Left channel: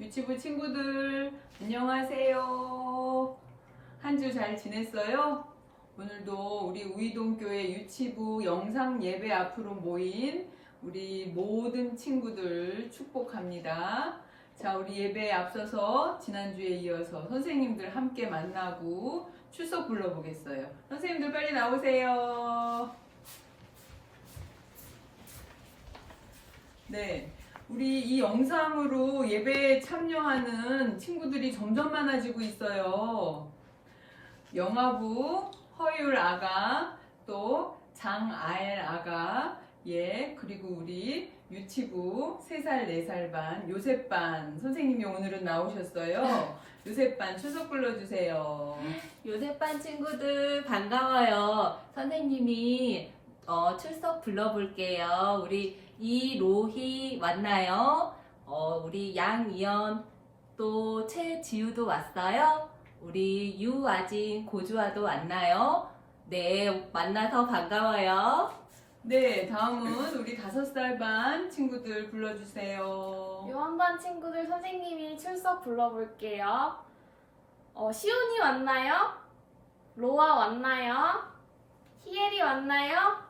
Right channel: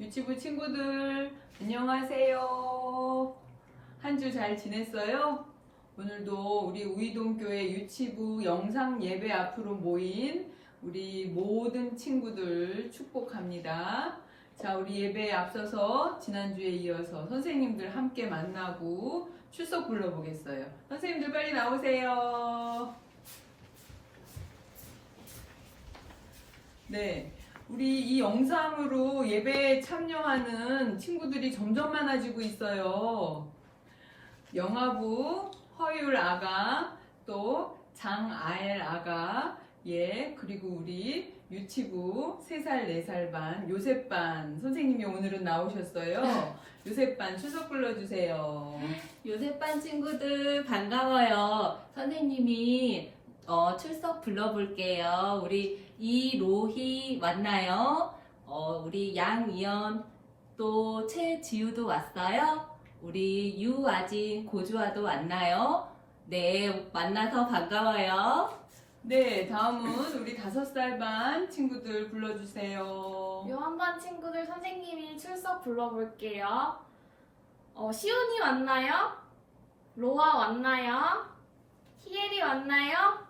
유치부 친구들 안녕하세요. 한 주 잘 지냈어요? 오늘도 우리 우이동교회 유치부 영상 예배 앞으로 모인 우리 모든 친구들 축복합니다. 자, 우리 예배에 앞서서 지난주에 이어서 선생님들 함께 만나고 출석 불러보겠어요. 선생님들 빨리 나오세요. 네. 우리 이 영상으로 예배에 참여하는 친구들이 점점 많아지고 있어요. 영아부 허율 아가, 또 장아엘 아가, 그리고 우리 유치부 3살, 4살 반, 요셉반 선생님이 오늘은 나오셨어요. 요셉반 출석 불러주세요. 요셉반 친구들 반가워요. 선생님이 출석 불러볼게요. 우리 이로희 왔나요? 우리 양이연 또 최지우도 왔어요. 우리 유아진 고주아도 왔나요? 네, 만나서 반가워요. 네, 다음은 우리 5살 반 친구들 불러주세요. 요한반 친구들 선생님이 출석 불러볼게요. 시온이 왔나요? 로아 왔나요? 희엘이 왔나요?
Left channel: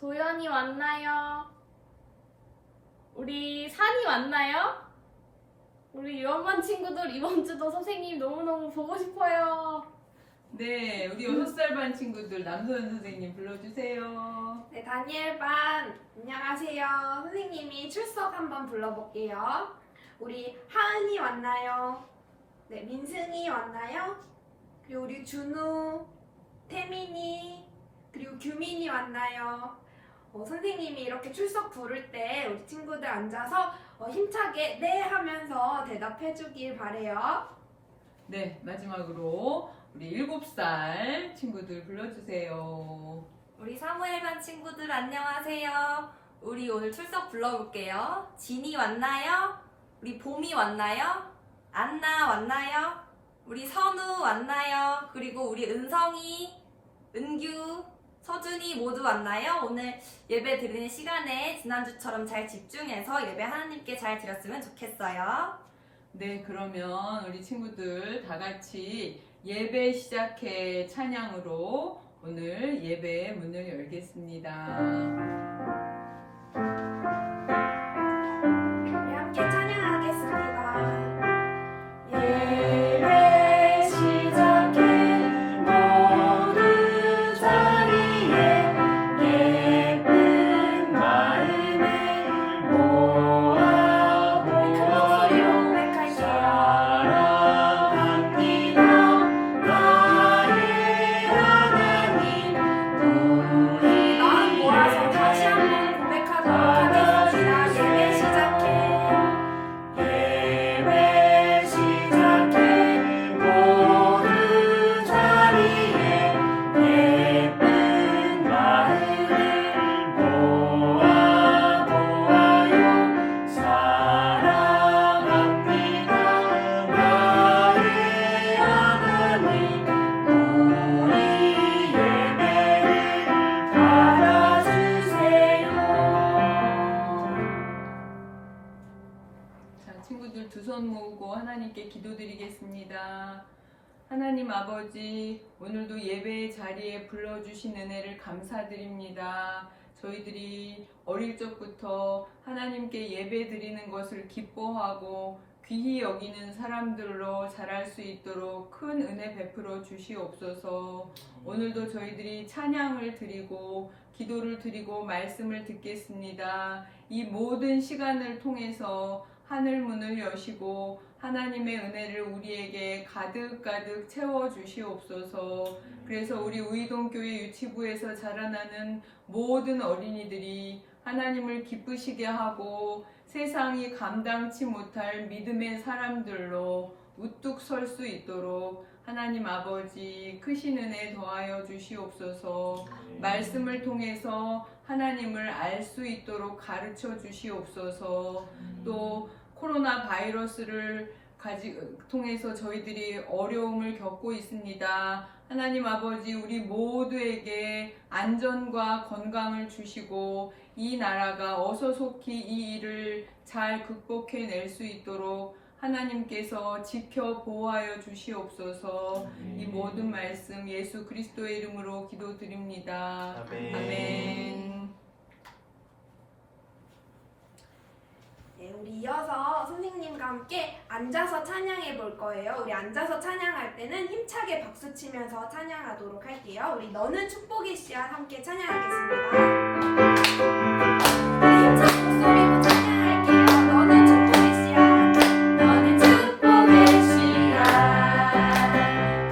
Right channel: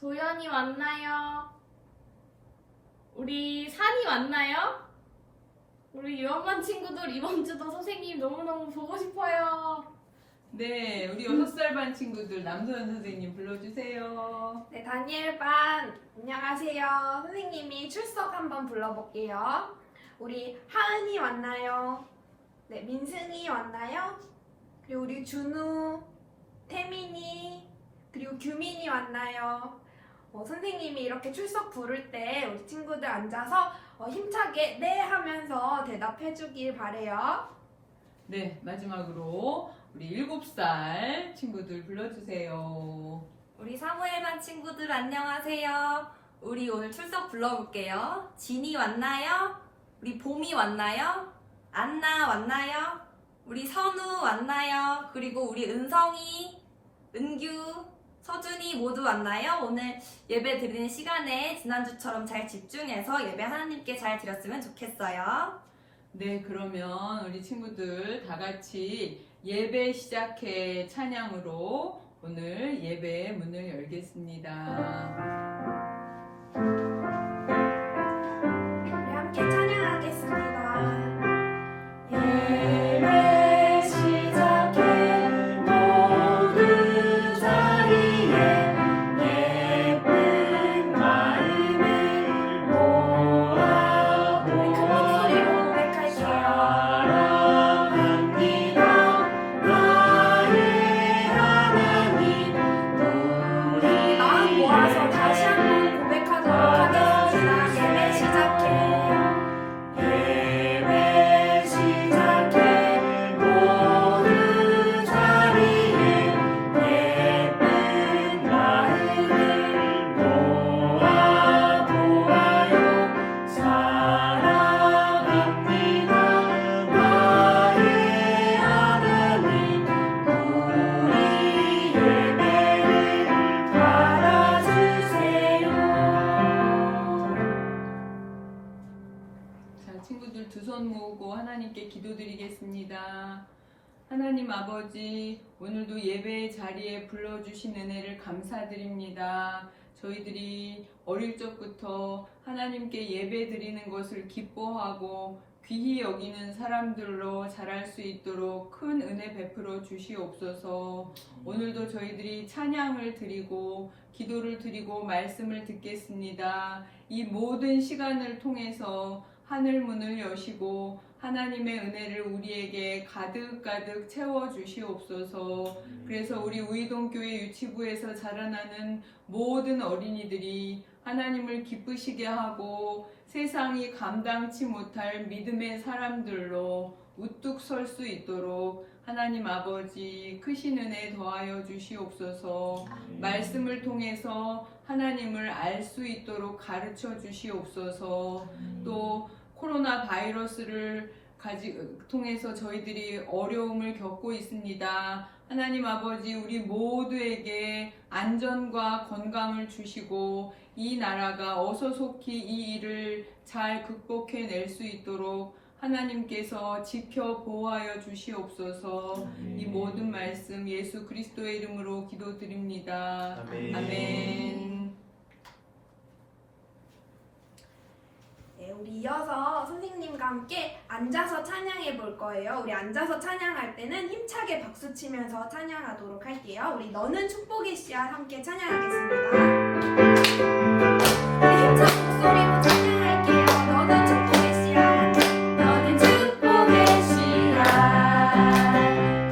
도연이 왔나요? 우리 산이 왔나요? 우리 요한반 친구들 이번 주도 선생님 너무너무 보고 싶어요. 네, 우리 6살 반 친구들 남소연 선생님 불러주세요. 네, 다니엘 반 안녕하세요. 선생님이 출석 한번 불러볼게요. 우리 하은이 왔나요? 네, 민승이 왔나요? 그리고 우리 준우, 태민이, 그리고 규민이 왔나요? 선생님이 이렇게 출석 부를 때 우리 친구들 앉아서 힘차게 네 하면서 대답해 주길 바래요. 네, 마지막으로 우리 7살 친구들 불러주세요. 우리 사무엘반 친구들 안녕하세요. 우리 오늘 출석 불러볼게요. 진이 왔나요? 우리 봄이 왔나요? 안나 왔나요? 우리 선우 왔나요? 그리고 우리 은성이, 은규, 서준이 모두 왔나요? 오늘 예배 드리는 시간에 지난주처럼 잘 집중해서 예배 하나님께 잘 드렸으면 좋겠어요. 네, 그러면 우리 친구들 다 같이 예배 시작해 찬양으로 오늘 예배의 문을 열겠습니다. 우리 함께 찬양하겠습니다. 예배 시작해 모두 자리에 예쁜 마음을 모아 큰 목소리로 고백할게요. 사랑합니다 나의 하나님 우리 마음 모아서 다시 한번 고백하도록 하겠습니다. 예배 시작해. 예배 시작해 모두 자리에 예쁜 마음을 모아 보아요 사랑합니다 나의 하나님 우리 예배를 받아주세요. 자, 친구들 두 손 모으고 하나님께 기도드리겠습니다. 하나님 아버지, 오늘도 예배의 자리에 불러주신 은혜를 감사드립니다. 저희들이 어릴 적부터 하나님께 예배 드리는 것을 기뻐하고 귀히 여기는 사람들로 자랄 수 있도록 큰 은혜 베풀어 주시옵소서. 오늘도 저희들이 찬양을 드리고 기도를 드리고 말씀을 듣겠습니다. 이 모든 시간을 통해서 하늘 문을 여시고 하나님의 은혜를 우리에게 가득가득 채워 주시옵소서. 그래서 우리 우이동교회 유치부에서 자라나는 모든 어린이들이 하나님을 기쁘시게 하고 세상이 감당치 못할 믿음의 사람들로 우뚝 설 수 있도록 하나님 아버지 크신 은혜 더하여 주시옵소서. 말씀을 통해서 하나님을 알 수 있도록 가르쳐 주시옵소서. 또 코로나 바이러스를 통해서 저희들이 어려움을 겪고 있습니다. 하나님 아버지, 우리 모두에게 안전과 건강을 주시고 이 나라가 어서속히 이 일을 잘 극복해낼 수 있도록 하나님께서 지켜 보호하여 주시옵소서. 이 모든 말씀 예수 그리스도의 이름으로 기도드립니다. 아멘. 네, 우리 이어서 선생님과 함께 앉아서 찬양해 볼 거예요. 우리 앉아서 찬양할 때는 힘차게 박수 치면서 찬양하도록 할게요. 우리 너는 축복의 씨앗 함께 찬양하겠습니다. 우리 힘찬 목소리로 찬양할게요. 너는 축복의 씨앗, 너는 축복의 씨앗.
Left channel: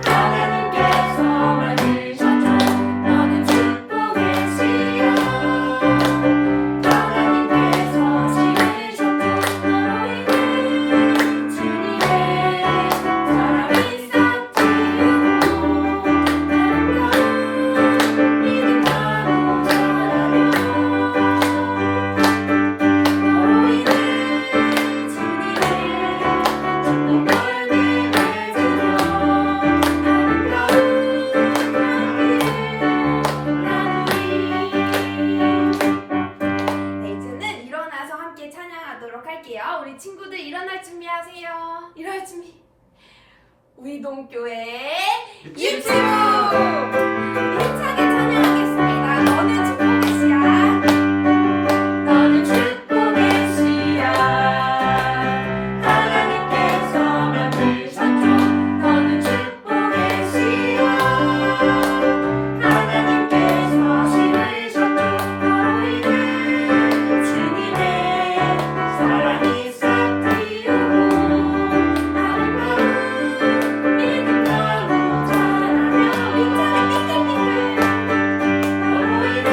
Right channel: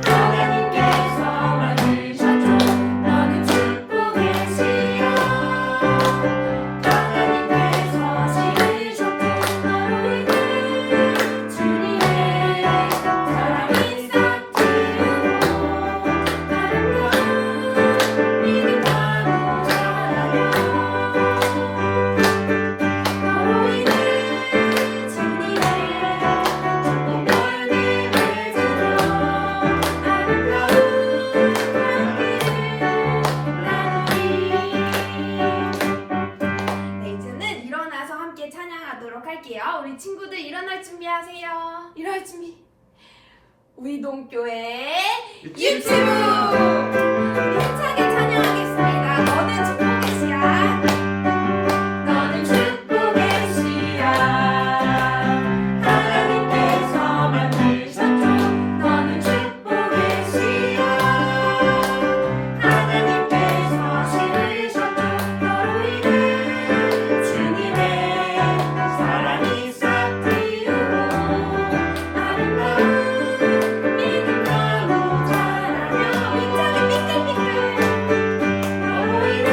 하나님께서 만드셨죠. 너는 축복의 씨앗. 하나님께서 심으셨죠. 너희는 주님의 사랑이 싹트고 아름다운 믿음으로 네, 이제는 일어나서 함께 찬양하도록 할게요. 우리 친구들 일어날 준비하세요. 일어날 준비. 우이동교회 유치부 힘차게 찬양하겠습니다. 너는 축복의 씨앗, 너는 축복의 씨앗. 하나님께서 만드셨죠. 너는 축복의 씨앗. 하나님께서 심으셨죠. 너희는 주님의 사랑이 싹 피우고 아름다운 믿음으로 자라며 힘차게 삐뚤삐뚤. 너희는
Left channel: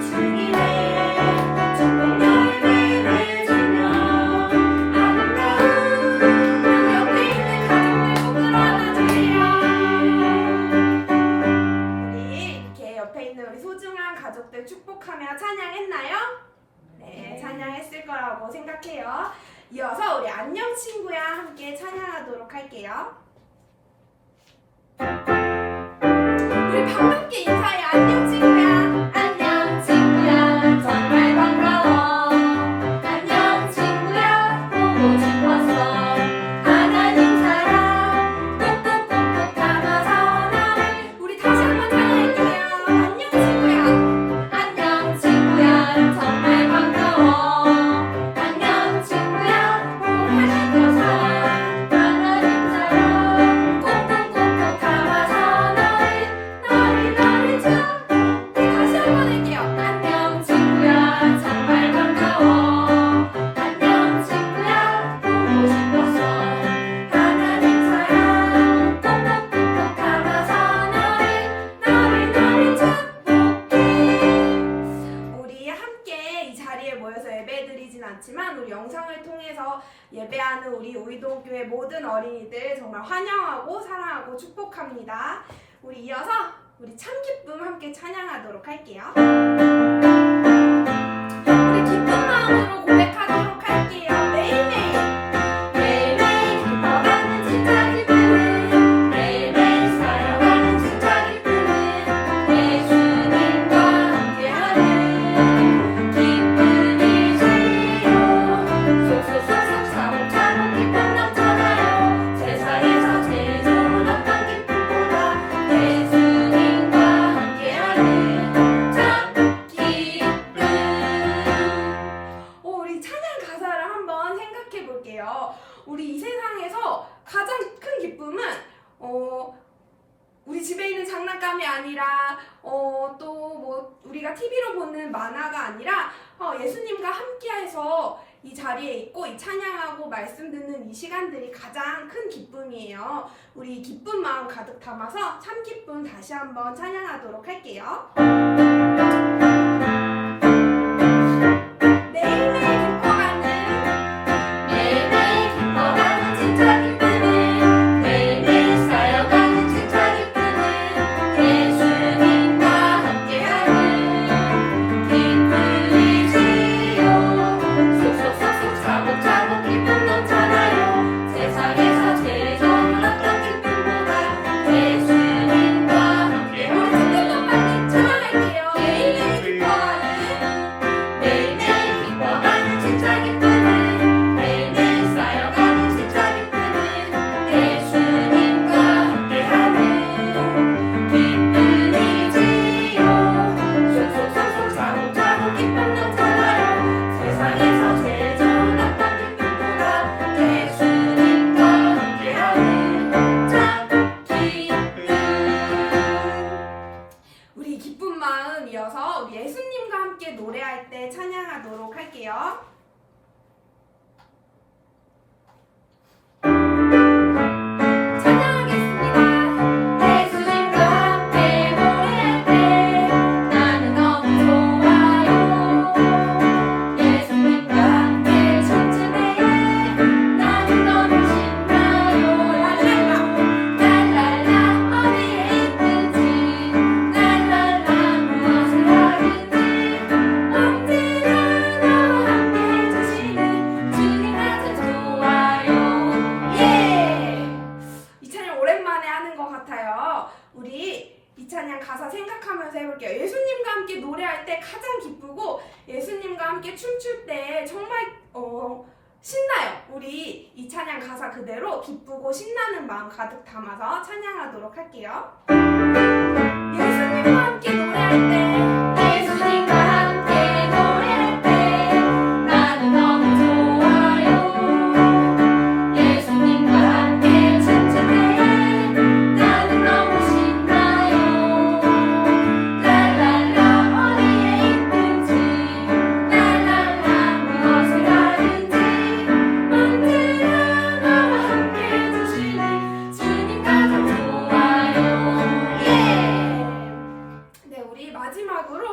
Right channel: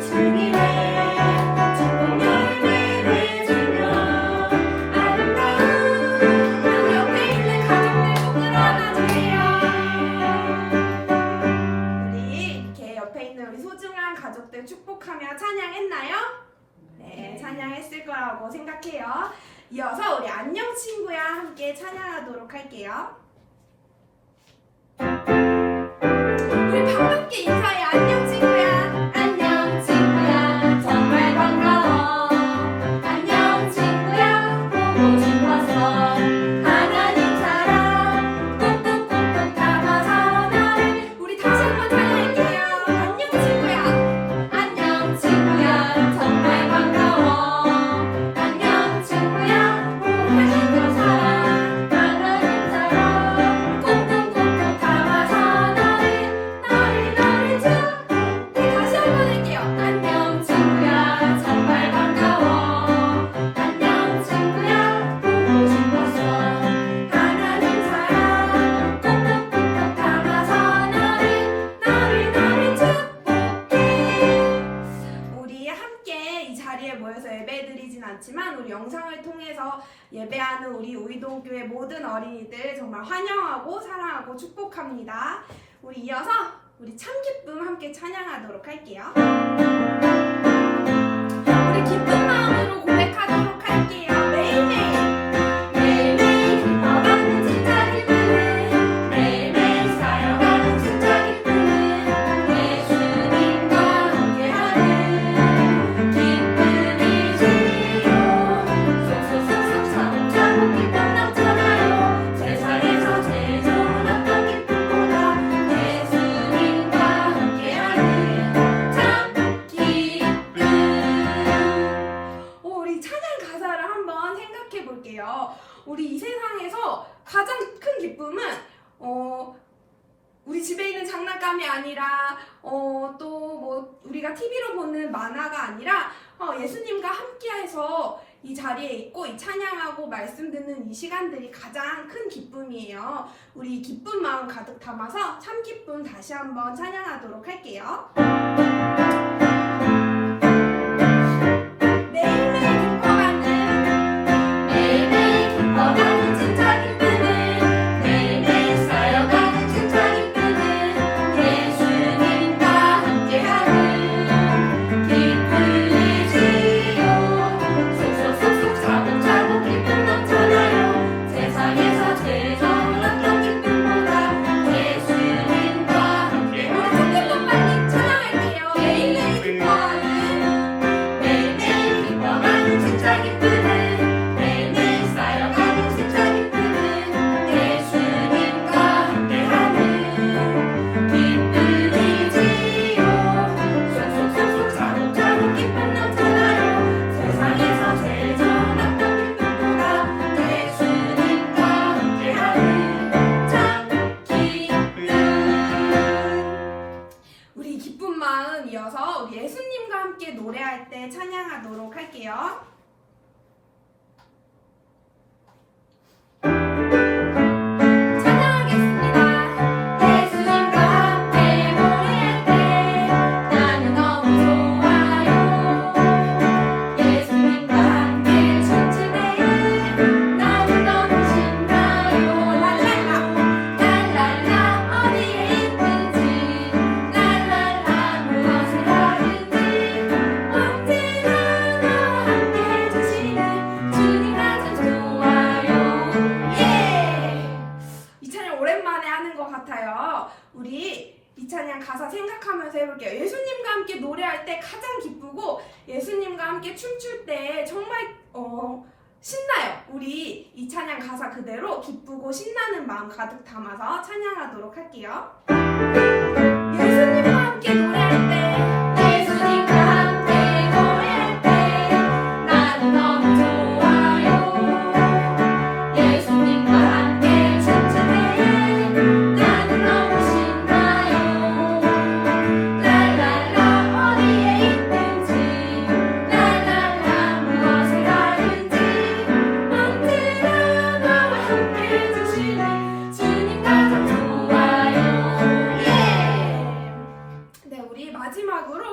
주님의 축복 열매를 맺으며 아름다운 그 옆에 있는 가족들 꼭 끌어안아주세요. 우리 이렇게 옆에 있는 우리 소중한 가족들 축복하며 찬양했나요? 네, 찬양했을 거라고 생각해요. 이어서 우리 안녕 친구야 함께 찬양하도록 할게요. 우리 반갑게 인사해. 안녕 친구야. 안녕 친구야. 정말 반가워. 안녕 친구야. 보고 싶었어. 하나님 사랑 톡톡톡톡 담아서 나를. 우리 다시 한번 찬양할게요. 안녕 친구야. 안녕 친구야. 정말 반가워. 안녕 친구야. 보고 싶어서. 하나님 사랑 톡톡톡톡 담아서 너를 줘. 네, 다시 한번 할게요. 안녕 친구야. 정말 반가워. 안녕 친구야. 보고 싶었어. 하나님 사랑 톡톡톡톡 담아서 너를 축복해. 우리 함께 이 자리에 모여서 예배드리진 않지만 우리 영상을 통해서 예배하는 우리 우이동교회 모든 어린이들 정말 환영하고 사랑하고 축복합니다. 우리 이어서 우리 참 기쁨 함께 찬양하도록 할게요. 우리 기쁜 마음으로 고백하도록 할게요. 매일매일 매일매일 기뻐가는 진짜 기쁨은 매일매일 살아가는 진짜 기쁨은 예수님과 함께하는 기쁨이지요. 쏙쏙쏙쏙 차곡차곡 기쁨 넘쳐나요. 세상에서 제일 좋은 어떤 기쁨보다 예수님과 함께하는 참 기쁨. 우리 찬양 가사를 한번 생각해 볼게요. 우리 이 세상에서 가장 큰 기쁨은 우리 집에 있는 장난감이 아니라 또 뭐 우리가 TV로 보는 만화가 아니라 예수님과 함께해서 이 자리에 있고 이 찬양하고 말씀 듣는 이 시간들이 가장 큰 기쁨이에요. 우리 기쁜 마음 가득 담아서 참 기쁨 다시 한번 찬양하도록 할게요. 매일매일 기뻐가는 매일매일 기뻐가는 진짜 기쁨은 매일매일 쌓여가는 진짜 기쁨은 예수님과 함께하는 기쁨이지요. 쏙쏙쏙쏙 차곡차곡 기쁨 넘쳐나요. 세상에서 제일 좋은 어떤 기쁨보다 예수님과 함께. 우리 조금만 빨리 찬양할게요. 노래할 때 찬양하도록 할게요. 우리 이 찬양 가사 생각하면서 해볼게요. 예수님과 함께 노래할 때 가장 기쁘고 예수님과 함께 춤출 때 정말 신나요. 우리 이 찬양 가사 그대로 기쁘고 신나는 마음 가득 담아서 찬양하도록 할게요. 예수님과 함께 노래할 때 예수님과 함께 노래할 때 나는 너무 좋아요. 예수님과 함께 춤출 때 나는 너무 신나요. 랄랄라 어디에 있든지 랄랄라 무엇을 하든지 언제나 나와 함께 해주시니 주님 가장 좋아요. 네, 우리 마지막으로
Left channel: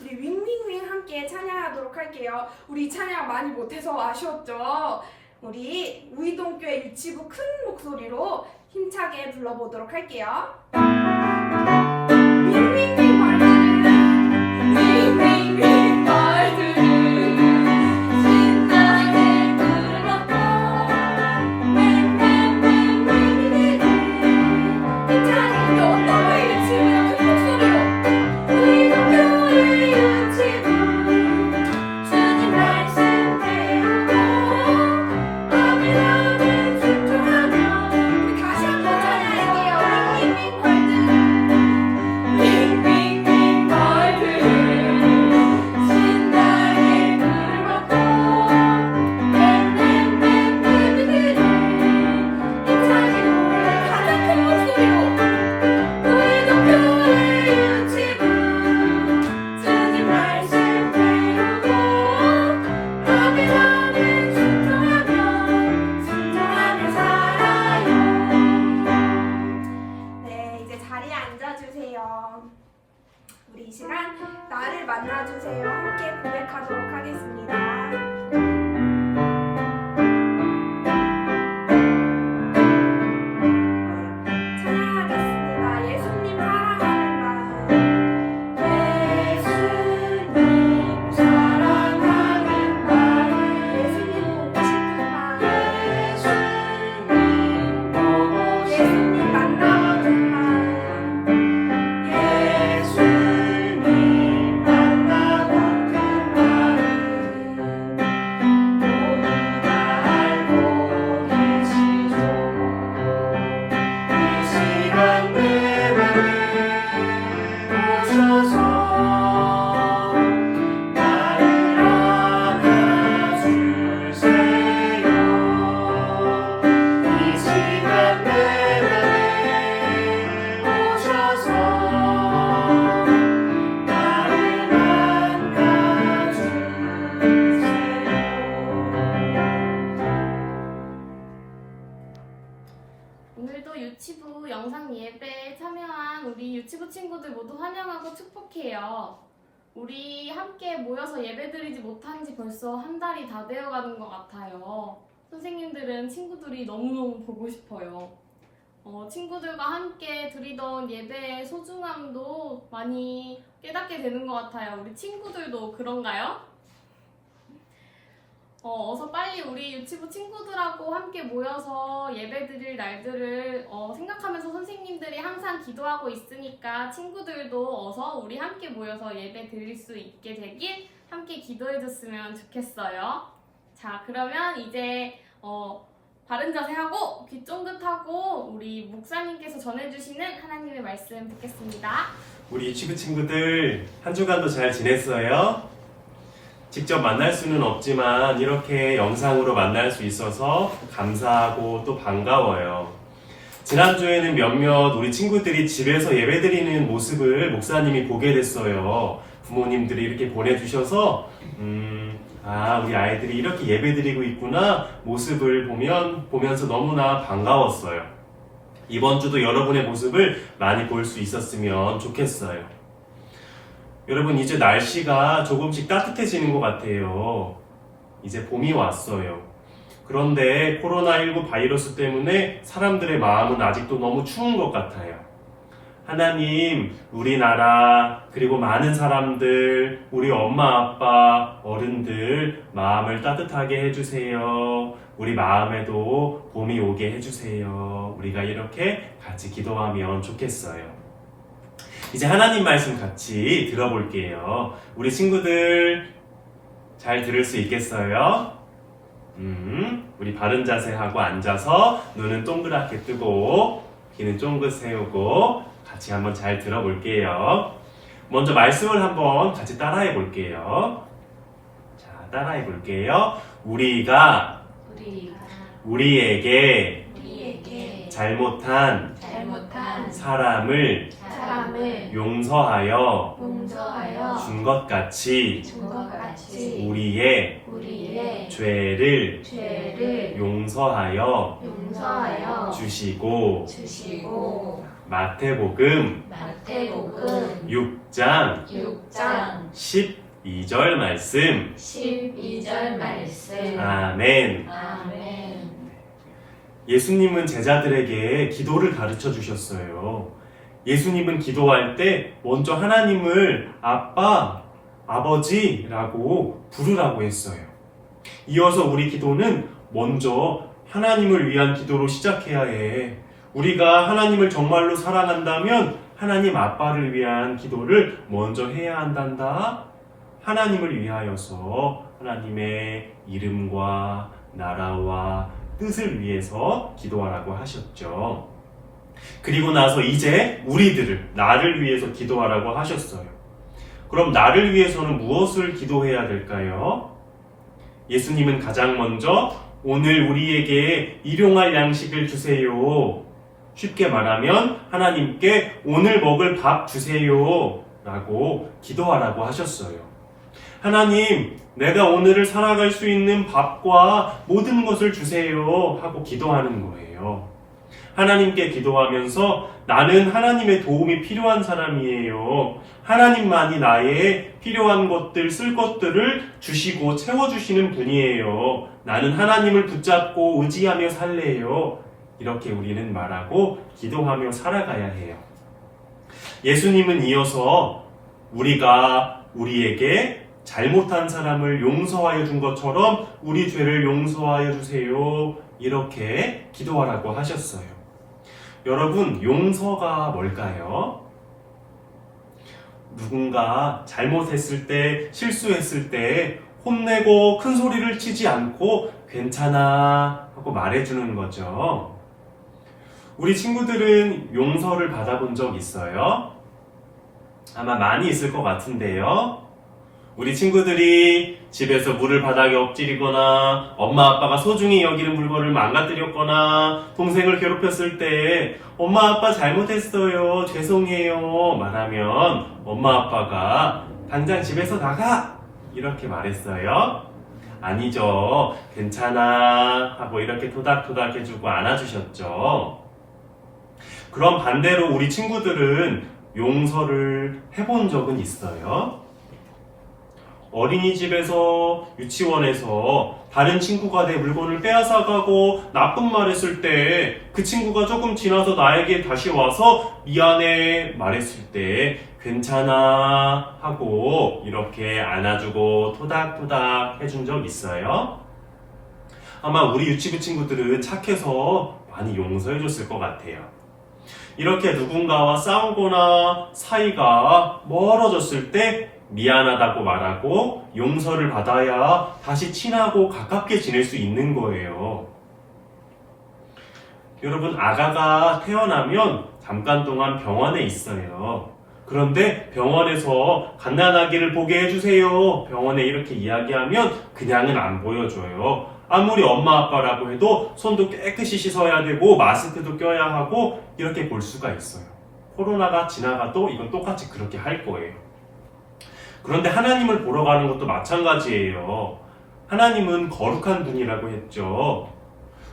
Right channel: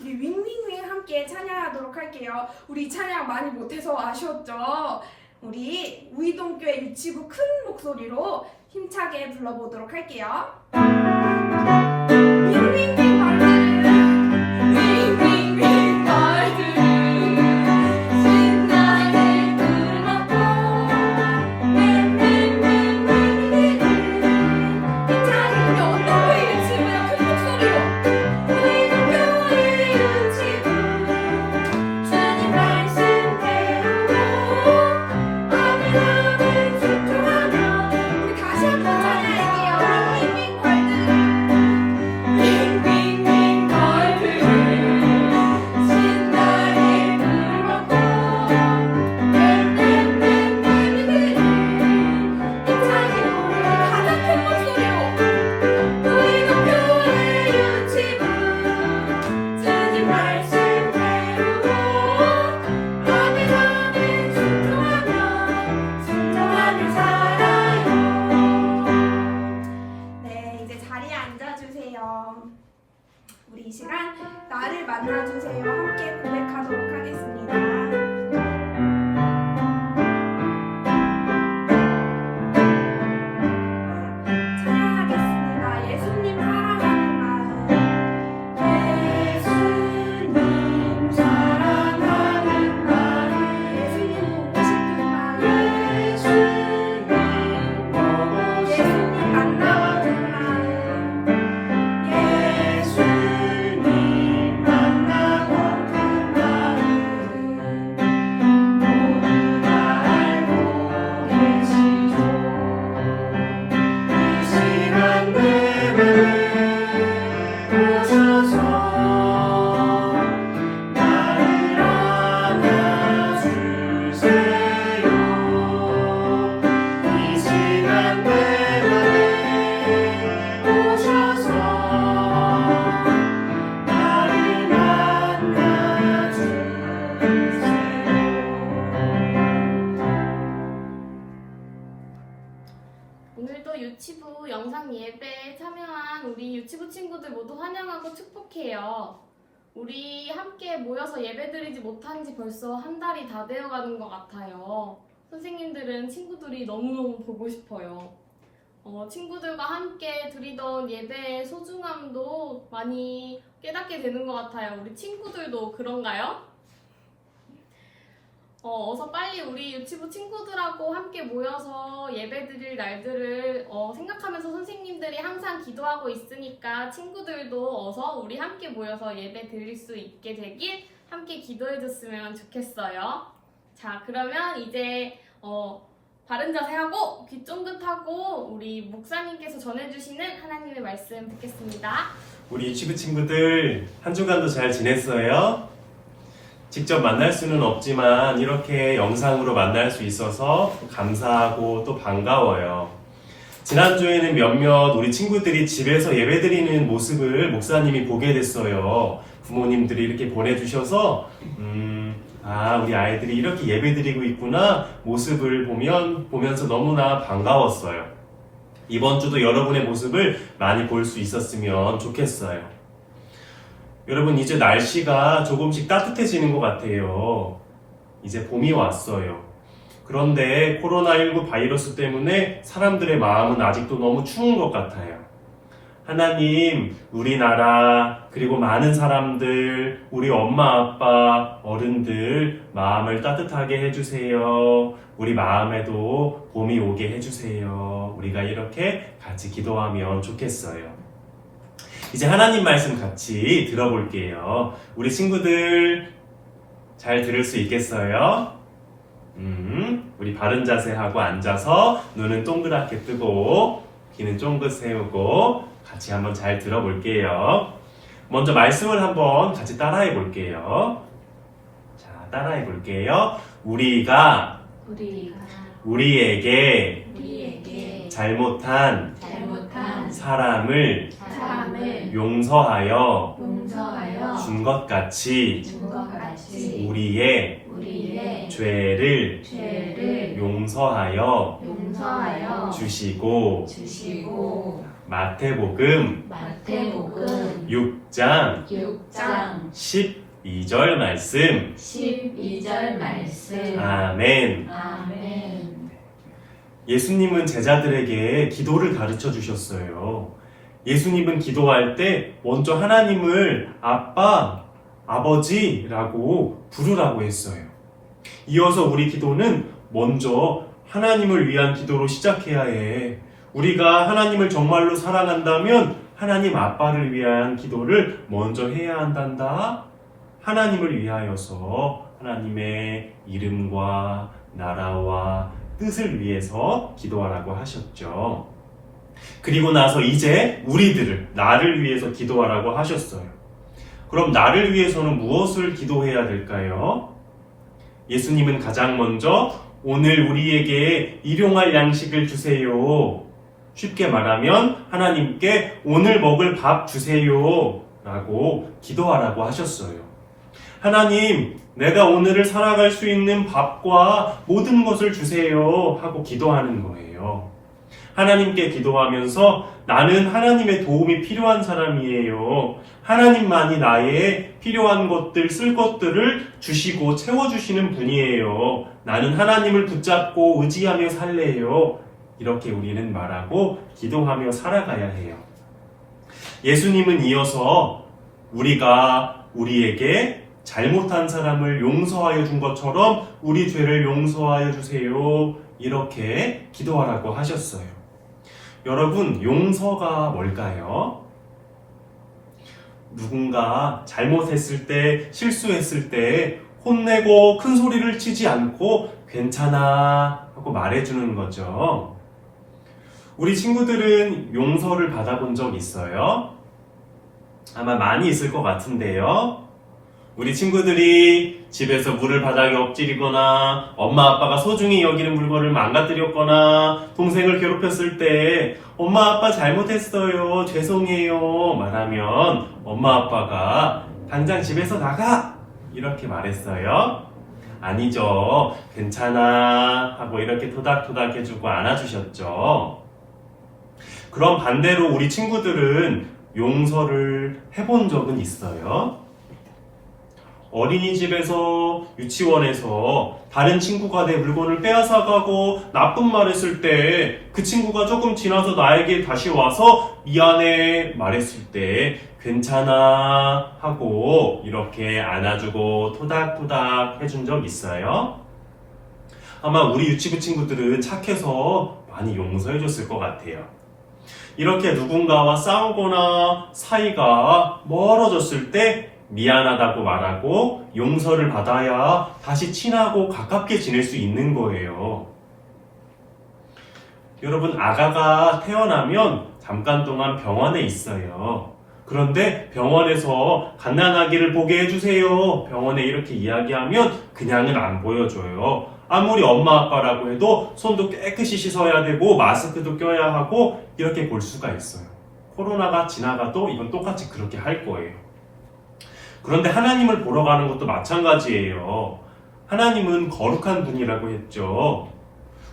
우리 윙윙윙 함께 찬양하도록 할게요. 우리 찬양 많이 못해서 아쉬웠죠? 우리 우이동교회 유치부 큰 목소리로 힘차게 불러보도록 할게요. 윙윙윙 말들은 윙윙윙 말들은 신나게 불렀고 윙윙윙 말들은 힘차게 우리 어떤 교회 유치부요? 큰 목소리로 우이동교회 유치부 주님 말씀 배우고 아멘 집중하며 우리 다시 한번 찬양할게요. 윙윙윙 걸들 윙윙윙 걸들 신나게 불렀고 윙윙윙 걸들은 힘차게 노래 가장 큰 목소리로 우이동교회 유치부 주님 말씀 배우고 아멘 순종하며 살아요. 네, 이제 자리에 앉아주세요. 우리 이 시간 나를 만나주세요. 함께 고백하도록 하겠습니다. 찬양하겠습니다. 예수님 사랑하는 마음. 예수님 사랑하는 마음. 예수님 보고 싶은 마음. 예수님 만나는 마음. 예수님 만나고 그 마음 모두 다 알고 계시죠. 이 시간 내내 오셔서 나를 안아주세요. 이 시간 내내 오셔서 나를 만나주세요. 오늘도 유치부 영상 예배에 참여한 우리 유치부 친구들 모두 환영하고 축복해요. 우리 함께 모여서 예배드리지 못한 지 벌써 한 달이 다 되어가는 것 같아요. 선생님들은 친구들이 너무너무 보고 싶어요. 친구들과 함께 드리던 예배의 소중함도 많이 깨닫게 되는 것 같아요. 우리 친구들도 그런가요? 어서 빨리 우리 유치부 친구들하고 함께 모여서 예배드릴 날들을 생각하면서 선생님들이 항상 기도하고 있으니까 친구들도 어서 우리 함께 모여서 예배 드릴 수 있게 되길 함께 기도해줬으면 좋겠어요. 자, 그러면 이제 바른 자세하고 귀 쫑긋하고 우리 목사님께서 전해주시는 하나님의 말씀 듣겠습니다. 우리 유치부 친구들 한 주간도 잘 지냈어요? 직접 만날 수는 없지만 이렇게 영상으로 만날 수 있어서 감사하고 또 반가워요. 지난주에는 몇몇 우리 친구들이 집에서 예배드리는 모습을 목사님이 보게 됐어요. 부모님들이 이렇게 보내주셔서 우리 아이들이 이렇게 예배드리고 있구나 모습을 보면서 너무나 반가웠어요. 이번 주도 여러분의 모습을 많이 볼 수 있었으면 좋겠어요. 여러분, 이제 날씨가 조금씩 따뜻해지는 것 같아요. 이제 봄이 왔어요. 그런데 코로나19 바이러스 때문에 사람들의 마음은 아직도 너무 추운 것 같아요. 하나님, 우리나라, 그리고 많은 사람들, 우리 엄마, 아빠, 어른들 마음을 따뜻하게 해주세요. 우리 마음에도 봄이 오게 해주세요. 우리가 이렇게 같이 기도하면 좋겠어요. 이제 하나님 말씀 같이 들어볼게요. 우리 친구들 잘 들을 수 있겠어요? 우리 바른 자세하고 앉아서 눈은 동그랗게 뜨고 귀는 쫑긋 세우고 같이 한번 잘 들어볼게요. 먼저 말씀을 한번 같이 따라해 볼게요. 자, 따라해 볼게요. 우리가 우리에게 잘못한 사람을 용서하여 준 것 같이 우리의 죄를 용서하여 주시고 마태복음 6장 12절 말씀. 아멘. 예수님은 제자들에게 기도를 가르쳐 주셨어요. 예수님은 기도할 때 먼저 하나님을 아빠, 아버지라고 부르라고 했어요. 이어서 우리 기도는 먼저 하나님을 위한 기도로 시작해야 해. 우리가 하나님을 정말로 사랑한다면 하나님 아빠를 위한 기도를 먼저 해야 한단다. 하나님을 위하여서 하나님의 이름과 나라와 뜻을 위해서 기도하라고 하셨죠. 그리고 나서 이제 우리들을, 나를 위해서 기도하라고 하셨어요. 그럼 나를 위해서는 무엇을 기도해야 될까요? 예수님은 가장 먼저 오늘 우리에게 일용할 양식을 주세요. 쉽게 말하면 하나님께 오늘 먹을 밥 주세요 라고 기도하라고 하셨어요. 하나님, 내가 오늘을 살아갈 수 있는 밥과 모든 것을 주세요 하고 기도하는 거예요. 하나님께 기도하면서 나는 하나님의 도움이 필요한 사람이에요. 하나님만이 나의 필요한 것들, 쓸 것들을 주시고 채워주시는 분이에요. 나는 하나님을 붙잡고 의지하며 살래요. 이렇게 우리는 말하고 기도하며 살아가야 해요. 예수님은 이어서 우리가 우리에게 잘못한 사람을 용서하여 준 것처럼 우리 죄를 용서하여 주세요. 이렇게 기도하라고 하셨어요. 여러분, 용서가 뭘까요? 누군가 잘못했을 때, 실수했을 때 혼내고 큰 소리를 치지 않고 괜찮아 하고 말해주는 거죠. 우리 친구들은 용서를 받아본 적 있어요? 아마 많이 있을 것 같은데요. 우리 친구들이 집에서 물을 바닥에 엎지리거나 엄마 아빠가 소중히 여기는 물건을 망가뜨렸거나 동생을 괴롭혔을 때 엄마 아빠 잘못했어요, 죄송해요 말하면 엄마 아빠가 당장 집에서 나가! 이렇게 말했어요? 아니죠. 괜찮아 하고 이렇게 토닥토닥 해주고 안아주셨죠. 그럼 반대로 우리 친구들은 용서를 해본 적은 있어요? 어린이집에서, 유치원에서 다른 친구가 내 물건을 빼앗아가고 나쁜 말 했을 때 그 친구가 조금 지나서 나에게 다시 와서 미안해 말했을 때 괜찮아 하고 이렇게 안아주고 토닥토닥 해준 적 있어요? 아마 우리 유치부 친구들은 착해서 많이 용서해줬을 것 같아요. 이렇게 누군가와 싸우거나 사이가 멀어졌을 때 미안하다고 말하고 용서를 받아야 다시 친하고 가깝게 지낼 수 있는 거예요. 여러분, 아가가 태어나면 잠깐 동안 병원에 있어요. 그런데 병원에서 갓난아기를 보게 해주세요. 병원에 이렇게 이야기하면 그냥은 안 보여줘요. 아무리 엄마 아빠라고 해도 손도 깨끗이 씻어야 되고 마스크도 껴야 하고 이렇게 볼 수가 있어요. 코로나가 지나가도 이건 똑같이 그렇게 할 거예요. 그런데 하나님을 보러 가는 것도 마찬가지예요. 하나님은 거룩한 분이라고 했죠.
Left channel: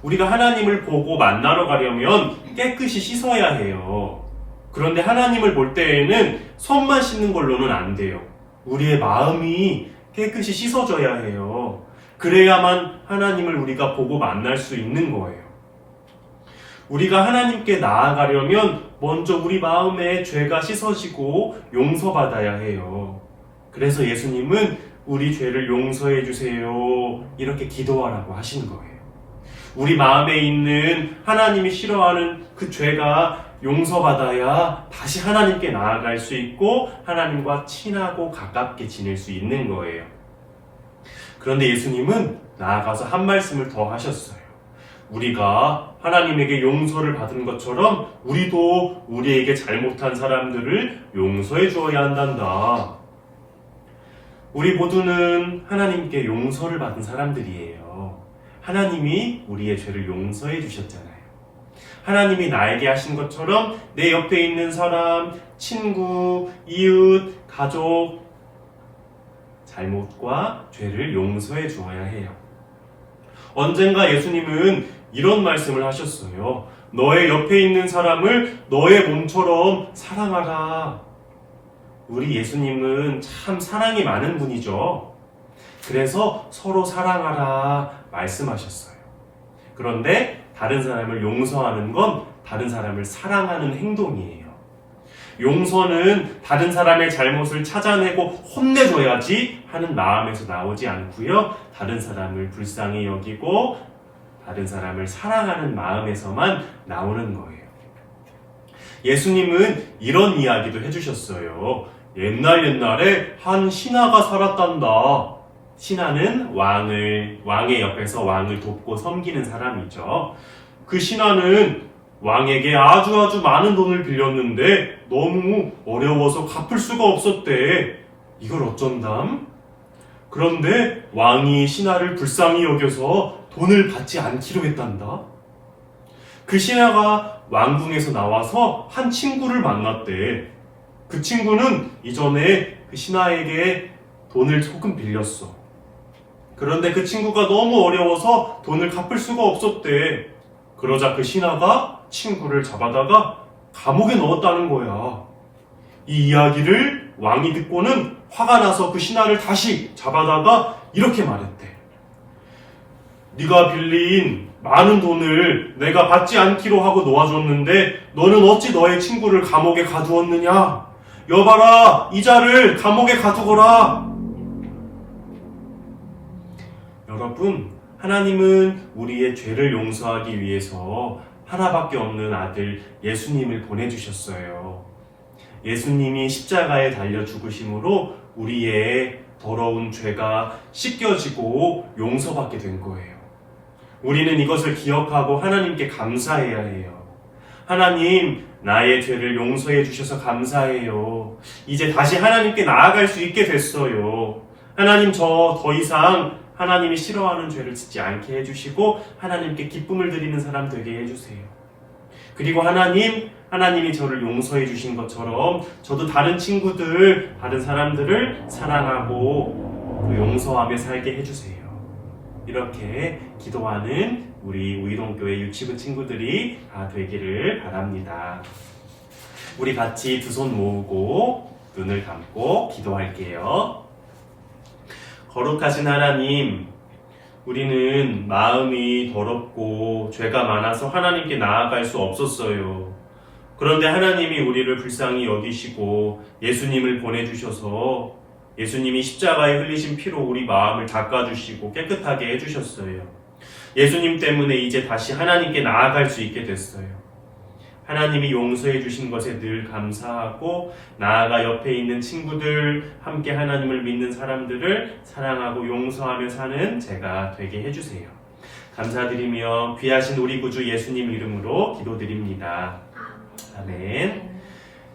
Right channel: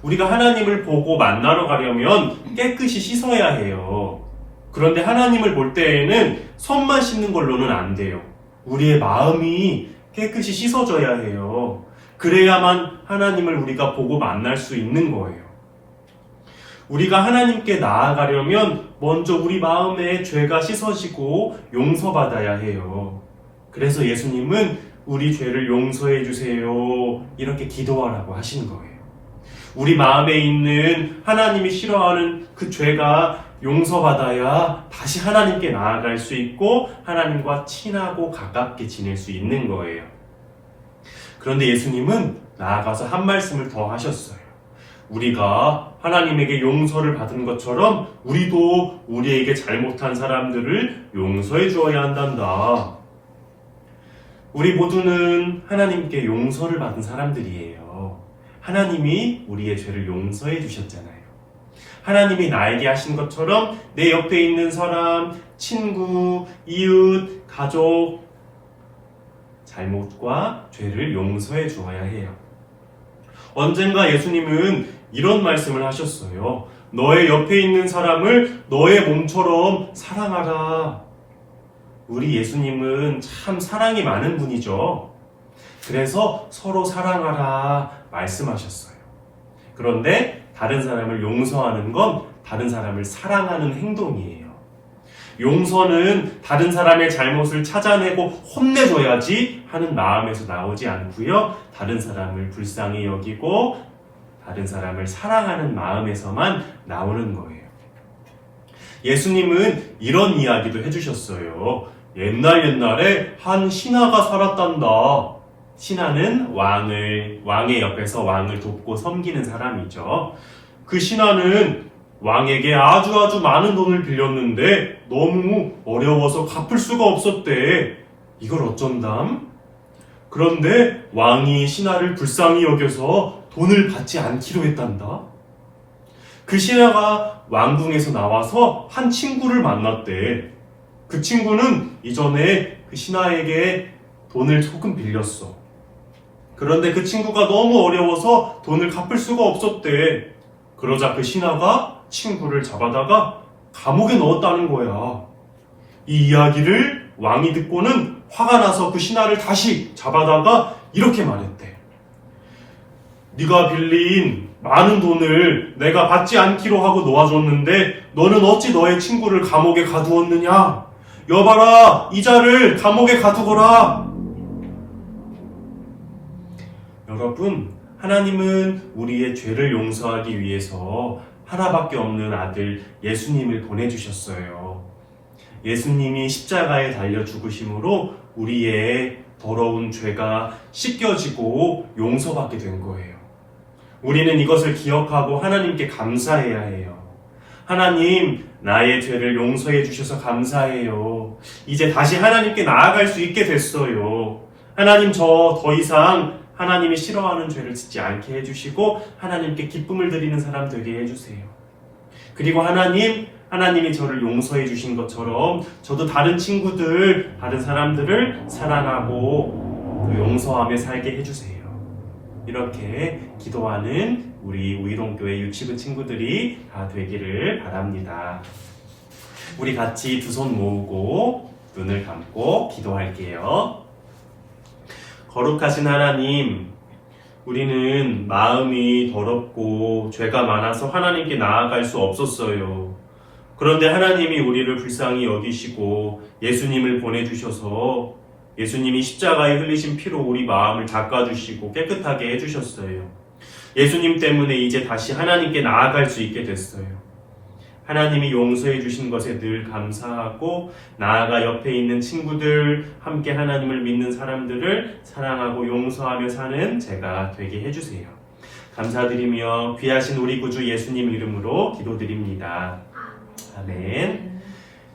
우리가 하나님을 보고 만나러 가려면 깨끗이 씻어야 해요. 그런데 하나님을 볼 때에는 손만 씻는 걸로는 안 돼요. 우리의 마음이 깨끗이 씻어져야 해요. 그래야만 하나님을 우리가 보고 만날 수 있는 거예요. 우리가 하나님께 나아가려면 먼저 우리 마음에 죄가 씻어지고 용서받아야 해요. 그래서 예수님은 우리 죄를 용서해 주세요. 이렇게 기도하라고 하신 거예요. 우리 마음에 있는 하나님이 싫어하는 그 죄가 용서받아야 다시 하나님께 나아갈 수 있고 하나님과 친하고 가깝게 지낼 수 있는 거예요. 그런데 예수님은 나아가서 한 말씀을 더 하셨어요. 우리가 하나님에게 용서를 받은 것처럼 우리도 우리에게 잘못한 사람들을 용서해 주어야 한단다. 우리 모두는 하나님께 용서를 받은 사람들이에요. 하나님이 우리의 죄를 용서해 주셨잖아요. 하나님이 나에게 하신 것처럼 내 옆에 있는 사람, 친구, 이웃, 가족, 잘못과 죄를 용서해 주어야 해요. 언젠가 예수님은 이런 말씀을 하셨어요. 너의 옆에 있는 사람을 너의 몸처럼 사랑하라. 우리 예수님은 참 사랑이 많은 분이죠. 그래서 서로 사랑하라 말씀하셨어요. 그런데 다른 사람을 용서하는 건 다른 사람을 사랑하는 행동이에요. 용서는 다른 사람의 잘못을 찾아내고 혼내줘야지 하는 마음에서 나오지 않고요. 다른 사람을 불쌍히 여기고 다른 사람을 사랑하는 마음에서만 나오는 거예요. 예수님은 이런 이야기도 해주셨어요. 옛날에 한 신하가 살았단다. 신하는 왕의 옆에서 왕을 돕고 섬기는 사람이죠. 그 신하는 왕에게 아주 많은 돈을 빌렸는데 너무 어려워서 갚을 수가 없었대. 이걸 어쩐담? 그런데 왕이 신하를 불쌍히 여겨서 돈을 받지 않기로 했단다. 그 신하가 왕궁에서 나와서 한 친구를 만났대. 그 친구는 이전에 그 신하에게 돈을 조금 빌렸어. 그런데 그 친구가 너무 어려워서 돈을 갚을 수가 없었대. 그러자 그 신하가 친구를 잡아다가 감옥에 넣었다는 거야. 이 이야기를 왕이 듣고는 화가 나서 그 신하를 다시 잡아다가 이렇게 말했대. 네가 빌린 많은 돈을 내가 받지 않기로 하고 놓아줬는데 너는 어찌 너의 친구를 감옥에 가두었느냐? 여봐라, 이자를 감옥에 가두거라. 여러분, 하나님은 우리의 죄를 용서하기 위해서 하나밖에 없는 아들 예수님을 보내주셨어요. 예수님이 십자가에 달려 죽으심으로 우리의 더러운 죄가 씻겨지고 용서받게 된 거예요. 우리는 이것을 기억하고 하나님께 감사해야 해요. 하나님, 나의 죄를 용서해 주셔서 감사해요. 이제 다시 하나님께 나아갈 수 있게 됐어요. 하나님, 저 더 이상 하나님이 싫어하는 죄를 짓지 않게 해주시고 하나님께 기쁨을 드리는 사람 되게 해주세요. 그리고 하나님이 저를 용서해 주신 것처럼 저도 다른 친구들, 다른 사람들을 사랑하고 용서하며 살게 해주세요. 이렇게 기도하는 우리 우이동교회 유치부 친구들이 다 되기를 바랍니다. 우리 같이 두 손 모으고 눈을 감고 기도할게요. 거룩하신 하나님, 우리는 마음이 더럽고 죄가 많아서 하나님께 나아갈 수 없었어요. 그런데 하나님이 우리를 불쌍히 여기시고 예수님을 보내주셔서 예수님이 십자가에 흘리신 피로 우리 마음을 닦아주시고 깨끗하게 해주셨어요. 예수님 때문에 이제 다시 하나님께 나아갈 수 있게 됐어요. 하나님이 용서해 주신 것에 늘 감사하고 나아가 옆에 있는 친구들, 함께 하나님을 믿는 사람들을 사랑하고 용서하며 사는 제가 되게 해주세요. 감사드리며 귀하신 우리 구주 예수님 이름으로 기도드립니다. 아멘.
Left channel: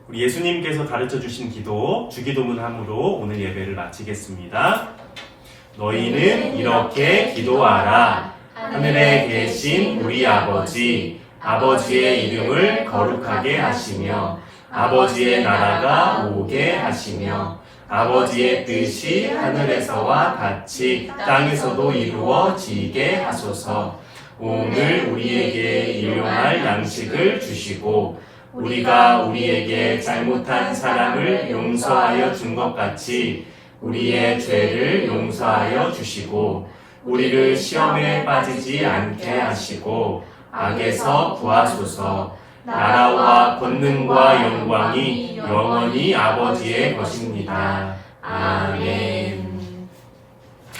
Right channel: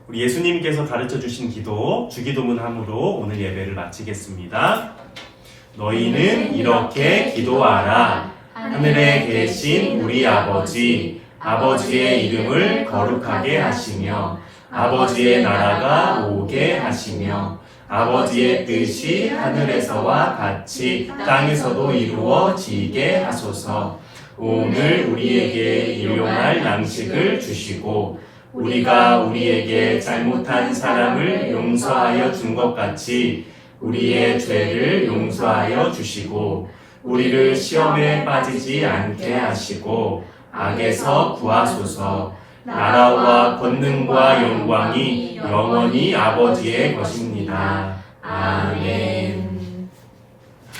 우리 예수님께서 가르쳐 주신 기도, 주기도문함으로 오늘 예배를 마치겠습니다. 너희는 이렇게 기도하라. 하늘에 계신 우리 아버지, 아버지의 이름을 거룩하게 하시며 아버지의 나라가 오게 하시며 아버지의 뜻이 하늘에서와 같이 땅에서도 이루어지게 하소서. 오늘 우리에게 일용할 양식을 주시고 우리가 우리에게 잘못한 사람을 용서하여 준 것 같이 우리의 죄를 용서하여 주시고 우리를 시험에 빠지지 않게 하시고 악에서 구하소서. 나라와 권능과 영광이 영원히 아버지의 것입니다. 아멘.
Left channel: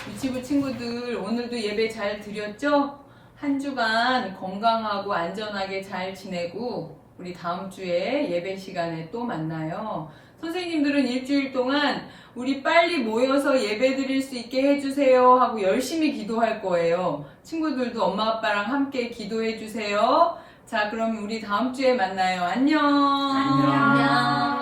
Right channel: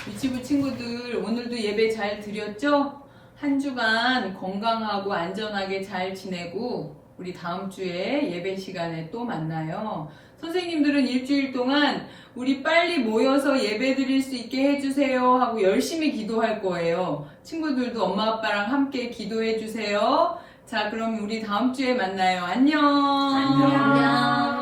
유치부 친구들 오늘도 예배 잘 드렸죠? 한 주간 건강하고 안전하게 잘 지내고 우리 다음 주에 예배 시간에 또 만나요. 선생님들은 일주일 동안 우리 빨리 모여서 예배 드릴 수 있게 해주세요 하고 열심히 기도할 거예요. 친구들도 엄마 아빠랑 함께 기도해 주세요. 자, 그럼 우리 다음 주에 만나요. 안녕. 안녕.